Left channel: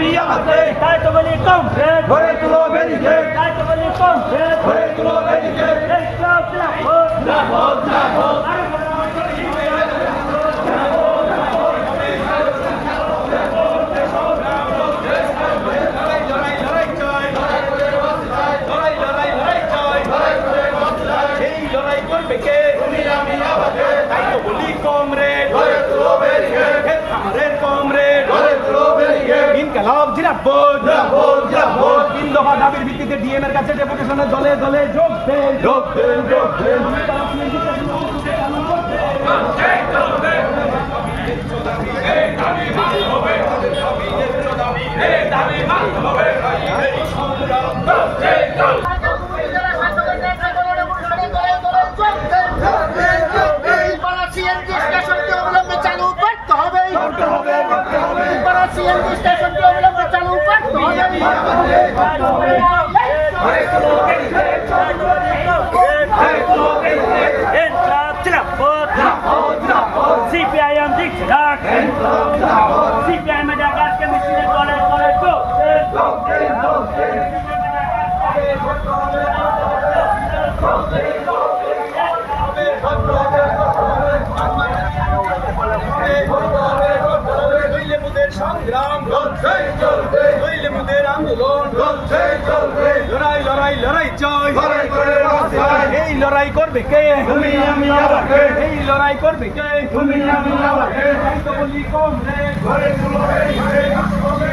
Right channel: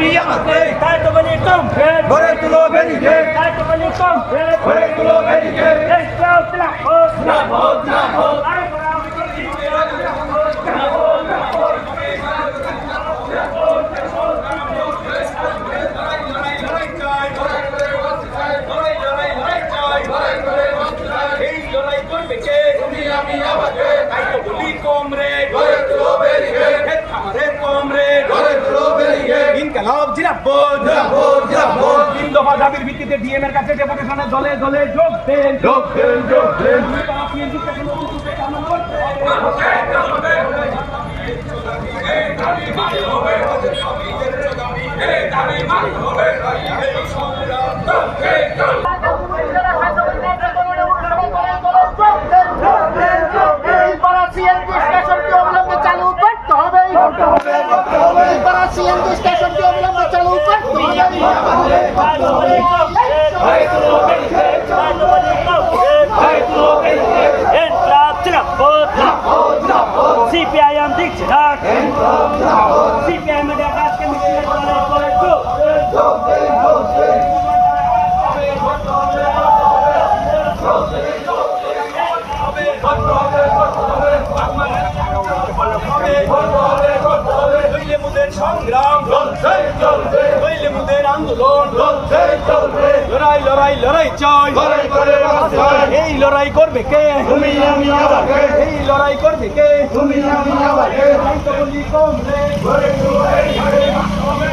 আমি আমাকে তাই তো বলি কমপ্লিট গড়ে তুলো ব্যারিকেড তাই তো বলি কমপ্লিট গড়ে তুলো ব্যারিকেড এই চাও জিন্দাবাদ জিন্দাবাদ তাই তো বলি কমরেড গড়ে তুলো ব্যারিকেড আমাদের কমরেড গড়ে তুলো ব্যারিকেড ইনকালাব জিরাবত জিন্দাবাদ জিন্দাবাদ তিন দফা দাবির ভিত্তিতে ডিএম এর কাছে ডেপুটেশনের দলে দলে যোগ দেন যোগ দেন যোগ দেন CPIM দিচ্ছে ডাক CPIM এর ডাক আজকে মিছিলে দলে দলে যোগ সংগ্রাম চলবে হইলে মুদের আন্দোলন চলবে লড়াই লড়াই লড়াই চাই লড়াই করে বাঁচাই এই লড়াই করবে কে তুমি আমি আমাকে এই লড়াই করবে কে তুমি আমি আমাকে তাই তো বলি কমরেড গড়ে তুলো ব্যারিকেড হবে